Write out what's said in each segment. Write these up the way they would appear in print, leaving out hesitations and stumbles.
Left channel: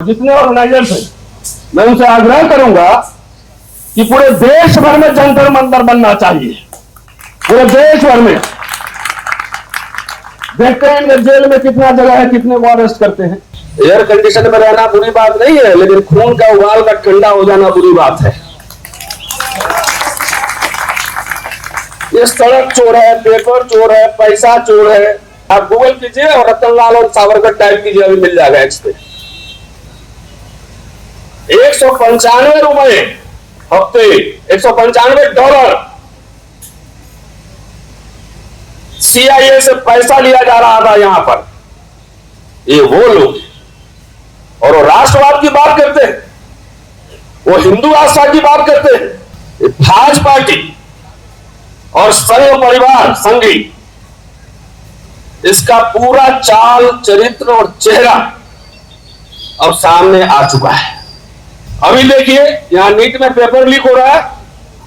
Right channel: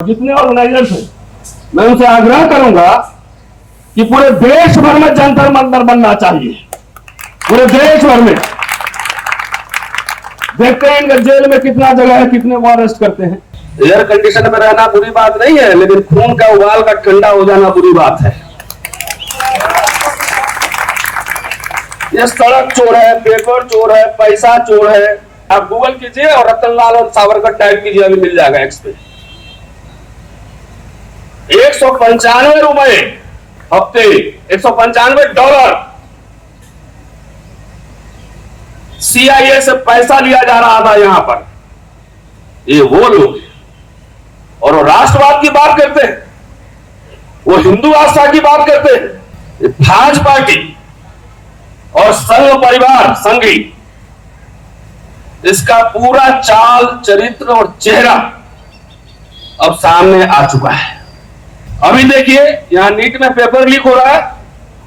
जितने ऑर्गेनाइजर्स हैं, मैं उनसे आग्रह करूंगा कि पूरे देश भर में जंतर मंतर बनना चाहिए। पूरे देश भर में देखते हैं जेल में कितना जगह है, कितने को अरेस्ट करते हैं। एयर कंडीशन में रहना बुरी बात नहीं है, लेकिन खून का उबाल का ठंडा हो जाना बुरी बात है। ये सड़क चोर है, पेपर चोर है, पैसा चोर है। आप गूगल कीजिए और रतनलाल और सावरकर टाइप कीजिए, अभी मिल जाएगा एक्स पे। 195 रुपए हफ्ते, $195 CIA से पैसा लिया जा रहा था यहां पर। ये वो लोग और वो राष्ट्रवाद की बात करते हैं, वो हिंदू आस्था की बात करते हैं। भाजपा पार्टी और संघ परिवार संघी, इसका पूरा चाल चरित्र और चेहरा अब सामने आ चुका है। अभी देखिए, यहां नीट में पेपर लीक हो रहा है,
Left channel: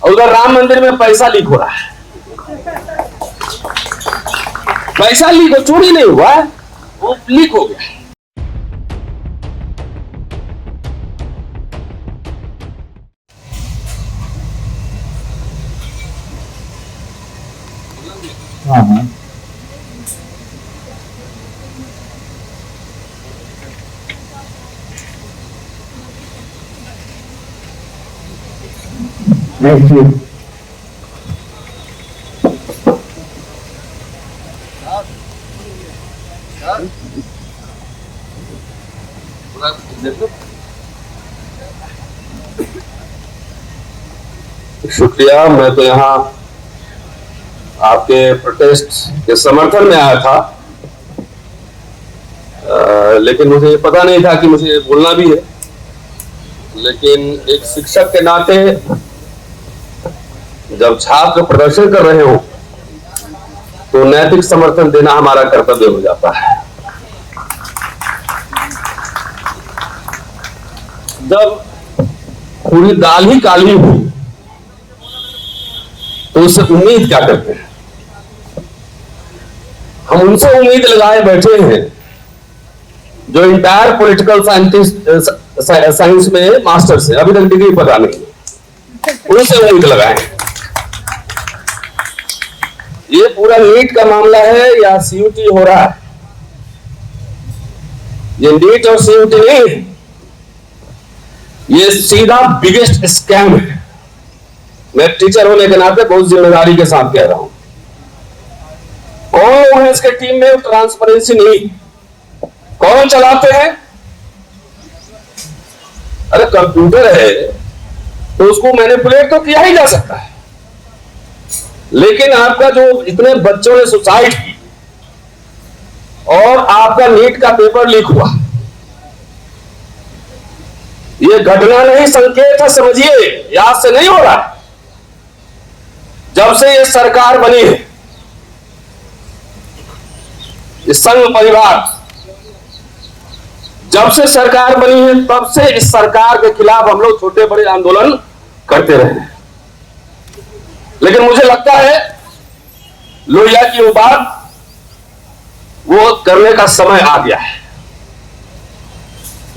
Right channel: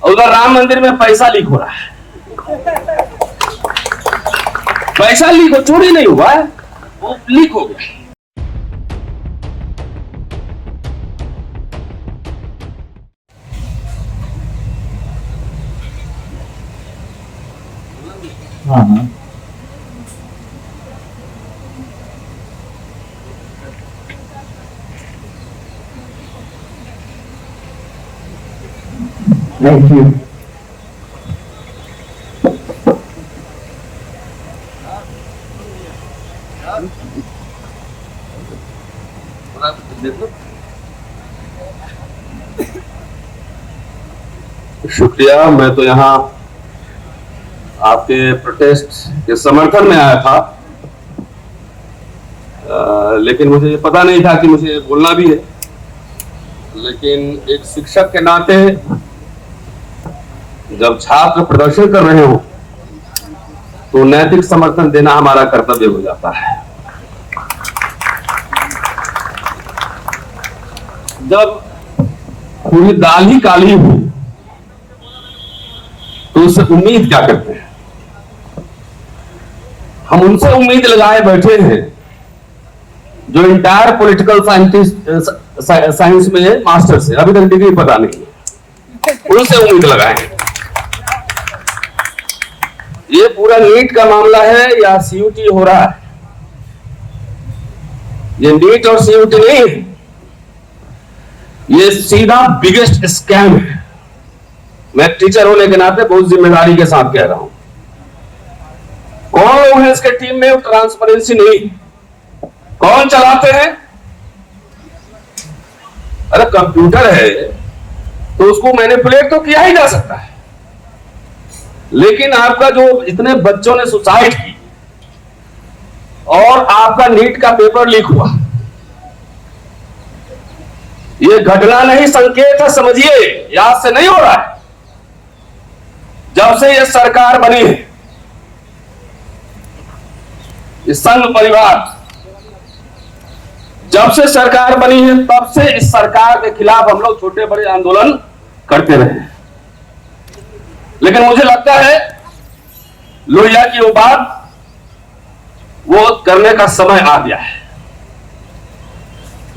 उधर राम मंदिर में पैसा लीक हो रहा है। पैसा लीक हो, चोरी नहीं हुआ है, वो लीक हो गया। हाँ देखिए, शुक्रिया। मैं तो यहाँ आपके प्रोटेस्ट के समर्थन में आया था, लेकिन मुझे पता नहीं था कि मुझे बोलना भी है। लेकिन एक शिक्षक के नाते जब छात्र प्रदर्शन कर रहे हो तो नैतिक समर्थन देना हमारा कर्तव्य हो जाता है। जब पूरी दाल ही काली हुई तो उससे उम्मीद क्या करते हैं? हम उनसे उम्मीद लगाए बैठे हैं जो इंटायर पॉलिटिकल साइंस में मास्टर्स है, अभी तक डिग्री पता नहीं, उनसे उम्मीद लगाए। ये पूरा नीट का मामला है या सीयूटी हो रहा है? ये नीट और सीयूटी नहीं है, ये सीधा बिगेस्ट स्कैम है। मैं टीचर होने के नाते बहुत जिम्मेदारी के साथ कह रहा हूं। कौन लोग हैं इसके टीम में? ट्रांसपेरेंसी नहीं। कौन चलाते हैं? अरे कंप्यूटर है तो उसको मैनिपुलेट तो किया ही जा सकता है, लेकिन आपका जो इतने बच्चों ने सुसाइड की और आपका नीट का पेपर लीक हुआ, ये घटना नहीं संकेत है, समझिए। याद से नहीं हो रहा है। जब से ये सरकार बनी है, ये संघ परिवार जब से सरकार बनी है, तब से इस सरकार के खिलाफ हम लोग छोटे बड़े आंदोलन करते रहे हैं। लेकिन मुझे लगता है लोहिया की वो बात वो करने का समय आ गया है।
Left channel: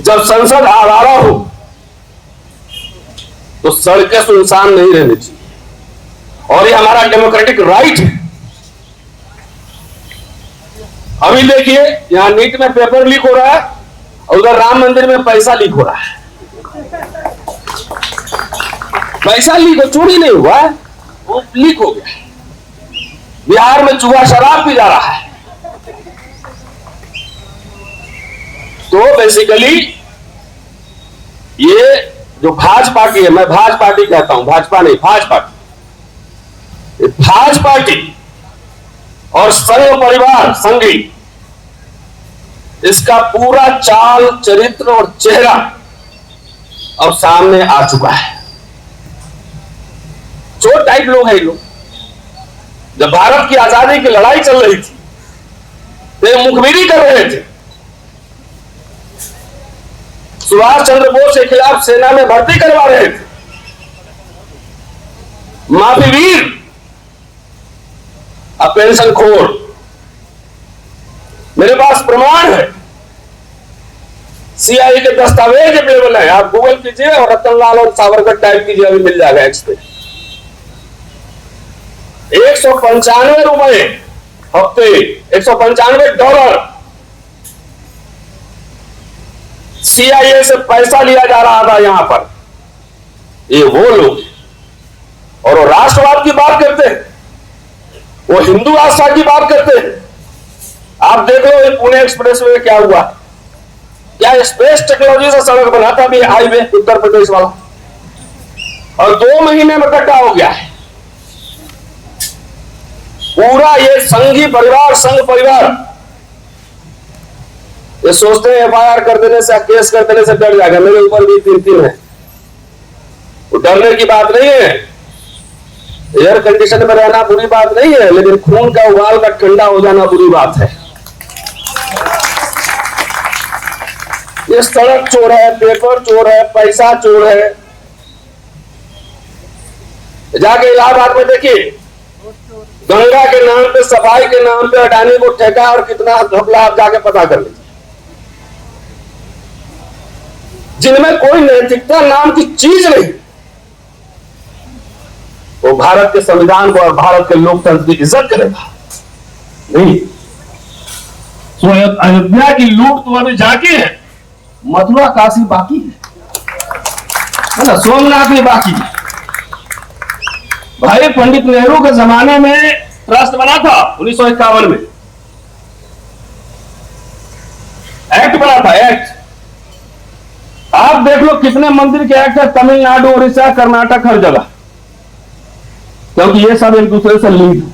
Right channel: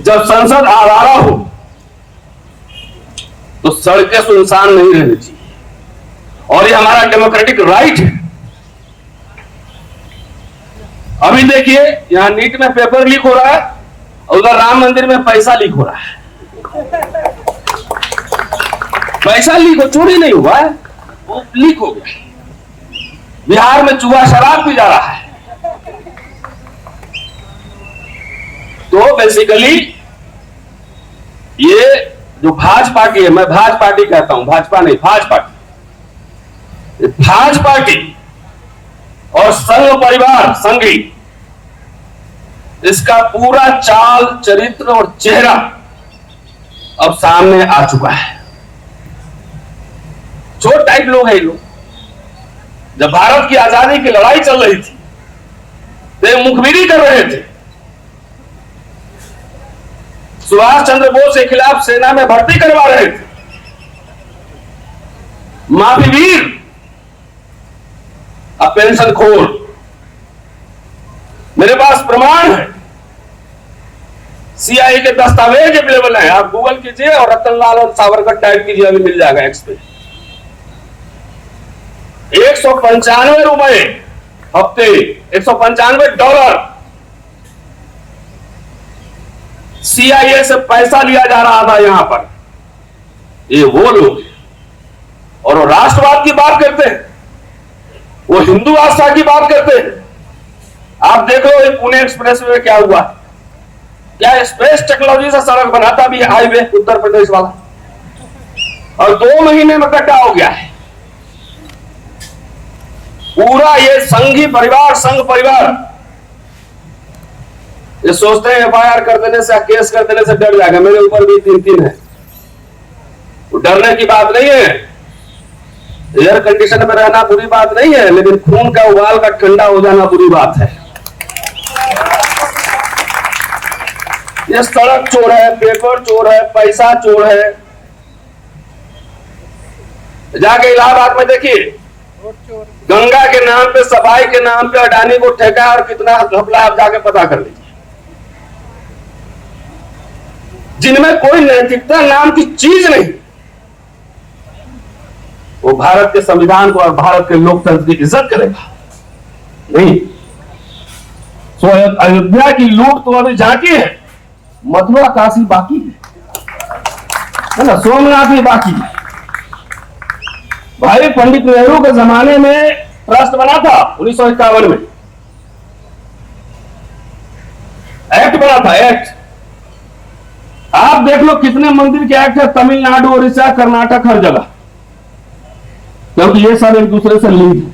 जब संसद आवारा हो तो सड़कें सुनसान नहीं रहनी चाहिए, और ये हमारा डेमोक्रेटिक राइट है। अभी देखिए, यहां नीट में पेपर लीक हो रहा है, उधर राम मंदिर में पैसा लीक हो रहा है। पैसा लीक हो, चोरी नहीं हुआ है, वो लीक हो गया। बिहार में चूहा शराब पी जा रहा है। तो बेसिकली ये जो भाजपा पार्टी है, मैं भाजपा पार्टी कहता हूं, भाजपा नहीं, भाजपा पार्टी, भाजपा पार्टी और संघ परिवार संघी, इसका पूरा चाल चरित्र और चेहरा अब सामने आ चुका है। छोटे टाइप लोग हैं ये लोग। जब भारत की आजादी की लड़ाई चल रही थी तो मुखबिरी कर रहे थे। सुभाष चंद्र बोस के खिलाफ सेना में भर्ती करवा रहे थे। माफी वीर, अब पेंशन खोर। मेरे पास प्रमाण है, सीआईए के दस्तावेज अवेलेबल है, आप गूगल कीजिए और रतनलाल और सावरकर टाइप कीजिए, अभी मिल जाएगा एक्स पे। 195 रुपए हफ्ते, $195 सीआईए से पैसा लिया जा रहा था यहां पर। ये वो लोग और वो राष्ट्रवाद की बात करते हैं, वो हिंदू आस्था की बात करते हैं। आप देखो पुणे एक्सप्रेस में क्या हुआ, क्या स्पेस टेक्नोलॉजी से सड़क बनाता भी है हाईवे उत्तर प्रदेश वाला, और 2 महीने में गड्ढा हो गया है। पूरा ये संघी परिवार, संघ परिवार, ये सोचते हैं एफआईआर कर देने से, केस कर देने से डर जाएगा। मेरे ऊपर भी 3 है, तो डरने की बात नहीं है। एयर कंडीशन में रहना बुरी बात नहीं है, लेकिन खून का उबाल का ठंडा हो जाना बुरी बात है। ये सड़क चोर है, पेपर चोर है, पैसा चोर है। जाके इलाहाबाद में देखिए, गंगा के नाम पे, सफाई के नाम पे अडानी को ठेका और कितना घपला, आप जाके पता कर लीजिए। जिनमें कोई नैतिकता नाम की चीज नहीं, वो भारत के संविधान को और भारत के लोकतंत्र की इज्जत करेगा नहीं। तो अयोध्या की लूट तो अभी जाके है, मथुरा काशी बाकी है ना, सोमनाथ भी बाकी है। भाई पंडित नेहरू के जमाने में ट्रस्ट बना था, 1951 में एक्ट बना था, एक्ट। आप देख लो कितने मंदिर के एक्ट है तमिलनाडु, उड़ीसा, कर्नाटक, हर जगह, क्योंकि ये सब एक दूसरे से लिंक है।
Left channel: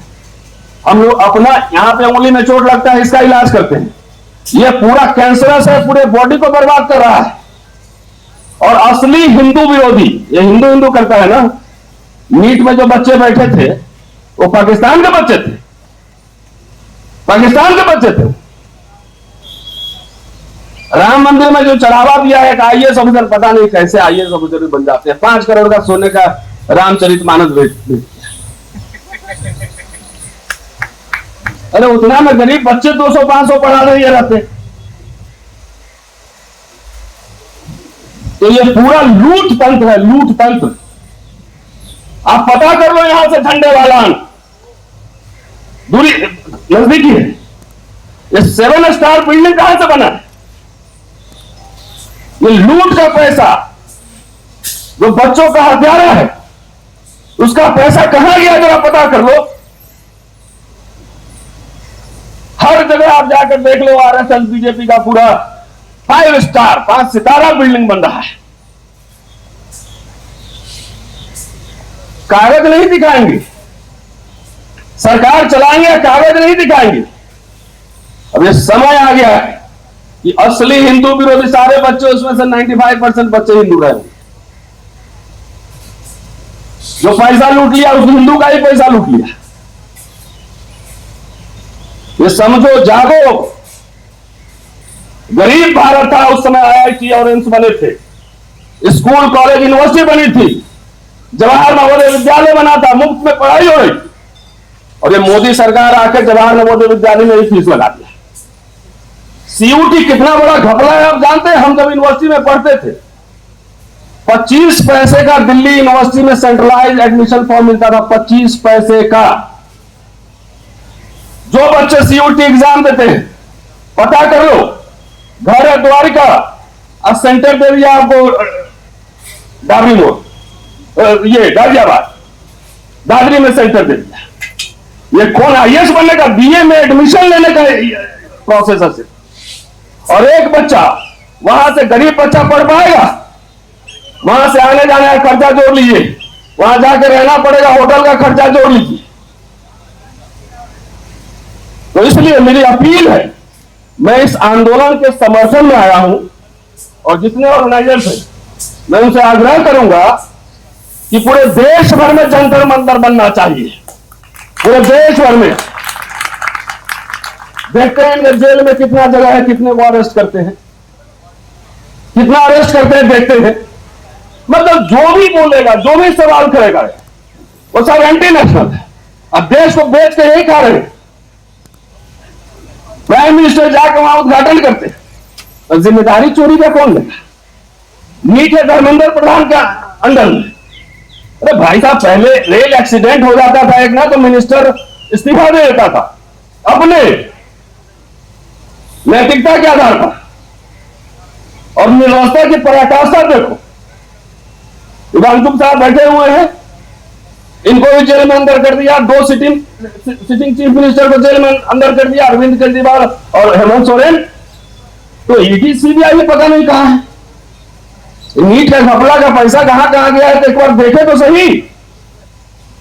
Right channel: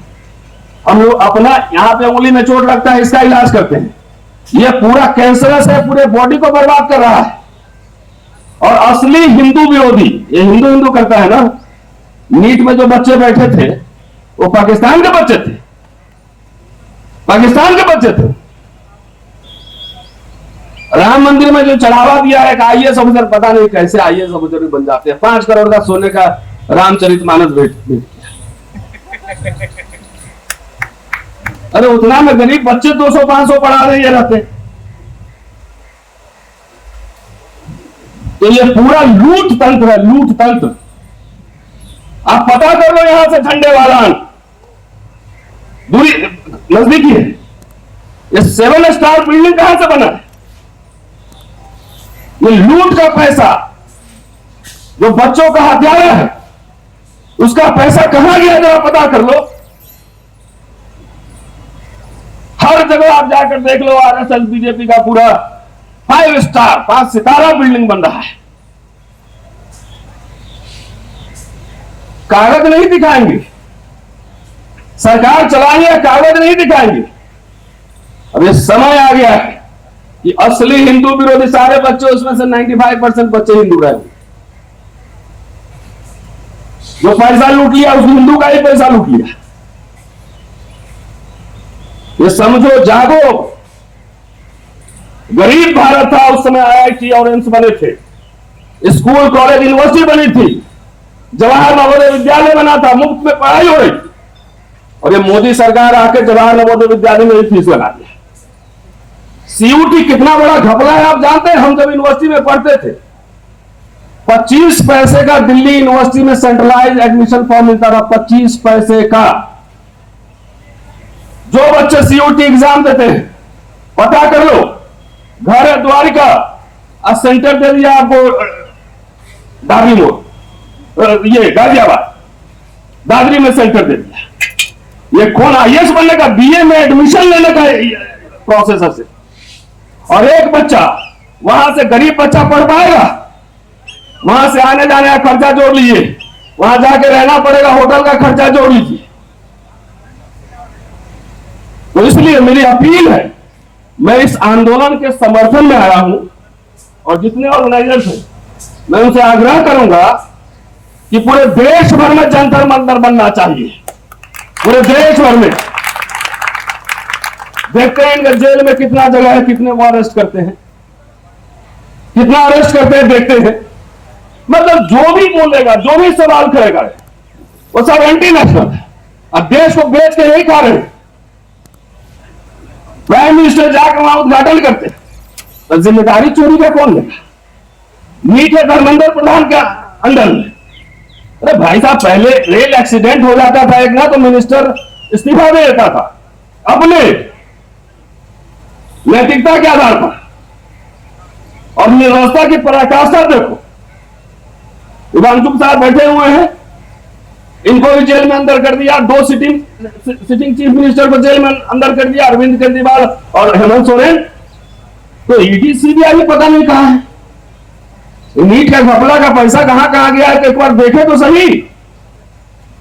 हम लोग अपना यहां पे उंगली में चोट लगता है, इसका इलाज करते हैं। ये पूरा कैंसरस है, पूरे बॉडी को बर्बाद कर रहा है। और असली हिंदू विरोधी, ये हिंदू हिंदू करता है ना, नीट में जो बच्चे बैठे थे वो पाकिस्तान के बच्चे थे, पाकिस्तान के बच्चे थे। राम मंदिर में जो चढ़ावा दिया है, आईएएस ऑफिसर, पता नहीं कैसे आईएएस ऑफिसर भी बन जाते हैं। 5 करोड़ का सोने का रामचरितमानस भेज। अरे उतना में गरीब बच्चे 200-500 पढ़ा रहे रहते। तो ये पूरा लूट तंत्र है, लूट तंत्र। आप पता कर लो यहां से झंडे वाला दूरी नजदीकी है। ये 7 स्टार बिल्डिंग कहां से बना है? ये लूट का पैसा, जो बच्चों का हत्यारा है, उसका पैसा कहां गया जरा पता कर लो। हर जगह आप जाकर देख लो, आरएसएस बीजेपी का पूरा 5 स्टार 5 सितारा बिल्डिंग बन रहा है। कागज नहीं दिखाएंगे, सरकार चलाएंगे, कागज नहीं दिखाएंगे। अब ये समय आ गया है कि असली हिंदू विरोधी सारे बच्चे, उसमें से 95% बच्चे हिंदू रहे। जो पैसा लूट लिया उस हिंदू का ही पैसा लूट लिया। ये समझो, जागो। गरीब भारत था उस समय, आईआईटी और एम्स बने थे, स्कूल कॉलेज यूनिवर्सिटी बनी थी, जवाहर नवोदय विद्यालय बना था, मुफ्त में पढ़ाई हो रही। और ये मोदी सरकार आकर जवाहर नवोदय विद्यालय में फीस लगा दिया। सीयूटी कितना बड़ा घपला है आप जानते हैं? हम जब यूनिवर्सिटी में पढ़ते थे, 25 पैसे का दिल्ली यूनिवर्सिटी में सेंट्रलाइज एडमिशन फॉर्म मिलता था, 25 पैसे का। जो बच्चे सीयूटी एग्जाम देते हैं, पता कर लो, घर है द्वारिका, अब सेंटर दे दिया आपको दादरी मोड़, ये गाजियाबाद, दादरी में सेंटर दे दिया। ये कौन आईएएस बनने का, बीए में एडमिशन लेने का प्रोसेस है। और एक बच्चा वहां से, गरीब बच्चा पढ़ पाएगा? वहां से आने जाने का खर्चा जोड़ लीजिए, वहां जाके रहना पड़ेगा, होटल का खर्चा जोड़ लीजिए। तो इसलिए मेरी अपील है, मैं इस आंदोलन के समर्थन में आया हूं, और जितने ऑर्गेनाइजर्स हैं, मैं उनसे आग्रह करूंगा कि पूरे देश भर में जंतर मंतर बनना चाहिए, पूरे देश भर में। देखते हैं जेल में कितना जगह है, कितने वो अरेस्ट करते हैं, कितना अरेस्ट करते हैं, देखते हैं। मतलब जो भी बोलेगा, जो भी सवाल करेगा, वो सब एंटी नेशनल है। अब देश को बेच के यही खा रहे हैं। प्राइम मिनिस्टर जाकर वहां उद्घाटन करते हैं, तो जिम्मेदारी चोरी का कौन है? नीट है धर्मेंद्र प्रधान का अंदर में। अरे भाई साहब, पहले रेल एक्सीडेंट हो जाता था एक ना, तो मिनिस्टर इस्तीफा दे देता था अपने नैतिकता के आधार पर, और व्यवस्था की पराकाष्ठा देखो। विधानसभा साहब बैठे हुए हैं, इनको भी जेल में अंदर कर दिया, 2 सिटिंग चीफ मिनिस्टर को जेल में अंदर कर दिया, अरविंद केजरीवाल और हेमंत सोरेन। तो ईडी सीबीआई पता नहीं कहां है। नीट का घपला का पैसा कहां कहां गया है, तो एक बार देखे तो सही।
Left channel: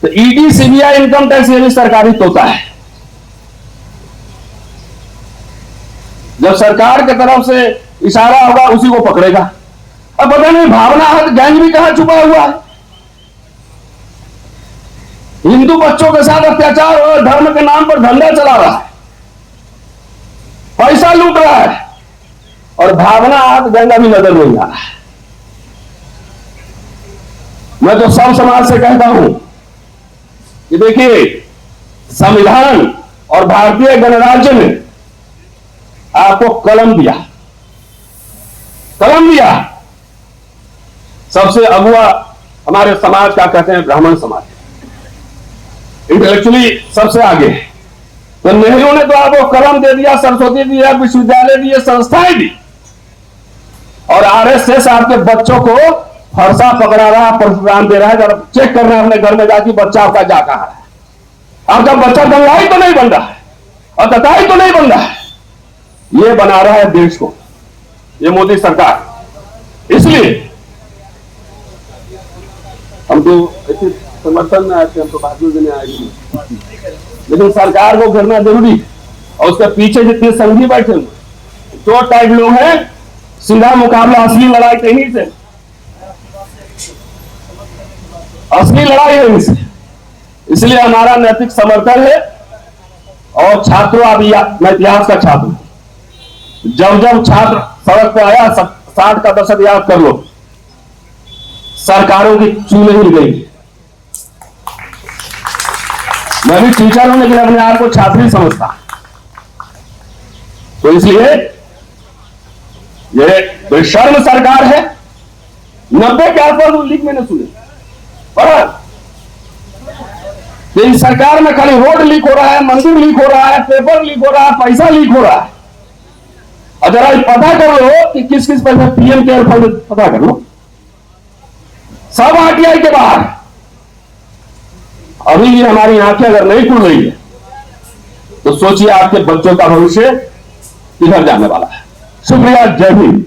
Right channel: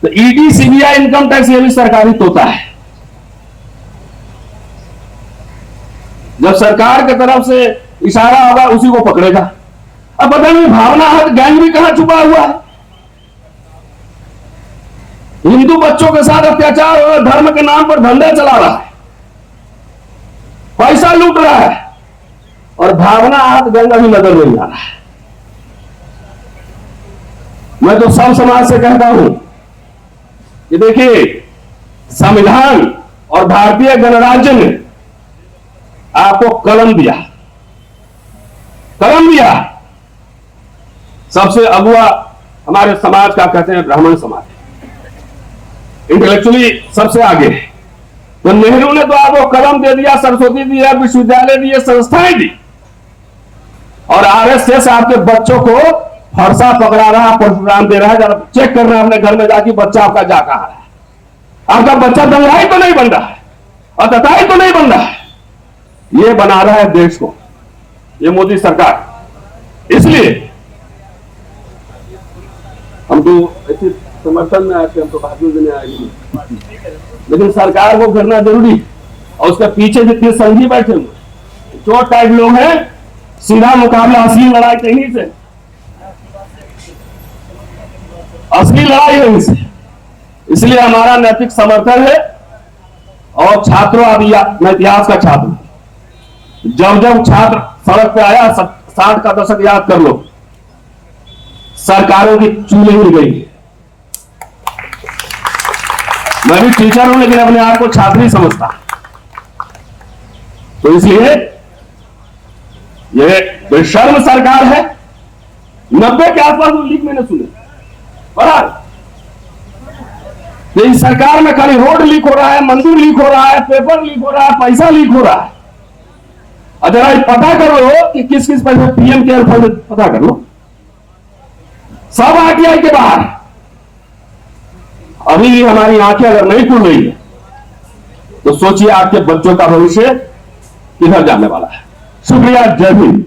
तो ईडी सीबीआई इनकम टैक्स ये भी सरकारी तोता है। जब सरकार की तरफ से इशारा होगा उसी को पकड़ेगा। अब पता नहीं भावना हाथ गैंग भी कहां छुपा हुआ है। हिंदू बच्चों के साथ अत्याचार और धर्म के नाम पर धंधा चला रहा है, पैसा लूट रहा है, और भावना हाथ गैंग अभी नजर नहीं आ रहा है। मैं तो सब समाज से कहता हूं कि देखिए, संविधान और भारतीय गणराज्य ने आपको कलम दिया, सबसे अगुआ हमारे समाज का कहते हैं ब्राह्मण समाज, इंटेलेक्चुअली सबसे आगे। तो नेहरू ने तो आपको कलम दे दिया, सरस्वती दिया, विश्वविद्यालय दिए, संस्थाएं दी, और आरएसएस आपके बच्चों को फरसा पकड़ा रहा, प्रोग्राम दे रहा है। जरा चेक कर रहे हैं अपने घर में जाके बच्चा आपका जा कहां रहा है। आपका बच्चा दंगाई तो नहीं बन रहा है, अतताई तो नहीं बन रहा है, ये बना रहा है देश को ये मोदी सरकार। इसलिए हम तो ऐसे समर्थन में आते, हमको बाजू भी नहीं आएगी, लेकिन सरकार को करना जरूरी है। और उसके पीछे जितने संघी बैठे हुए चोट टाइप लोग हैं, सीधा मुकाबला असली लड़ाई कहीं से, असली लड़ाई है इनसे। इसलिए हमारा नैतिक समर्थन है। और छात्रों, अभी मैं इतिहास का छात्र हूं, जब छात्र सड़क पे आया, 60 का दशक याद कर लो, सरकारों की चूल्हे हिल गई। मैं भी टीचर हूं, लेकिन अपने आप को छात्र ही समझता। तो इसलिए ये बेशर्म सरकार है। 90 के आसपास लीक मैंने सुने, पर तो इस सरकार में खाली रोड लीक हो रहा है, मंदिर लीक हो रहा है, पेपर लीक हो रहा है, पैसा लीक हो रहा है। और जरा पता कर लो कि किस किस पैसे पीएम केयर फंड, पता कर लो, सब आरटीआई के बाहर। अभी भी हमारी आंखें अगर नहीं खुल रही है तो सोचिए आपके बच्चों का भविष्य किधर जाने वाला है। शुक्रिया, जय हिंद।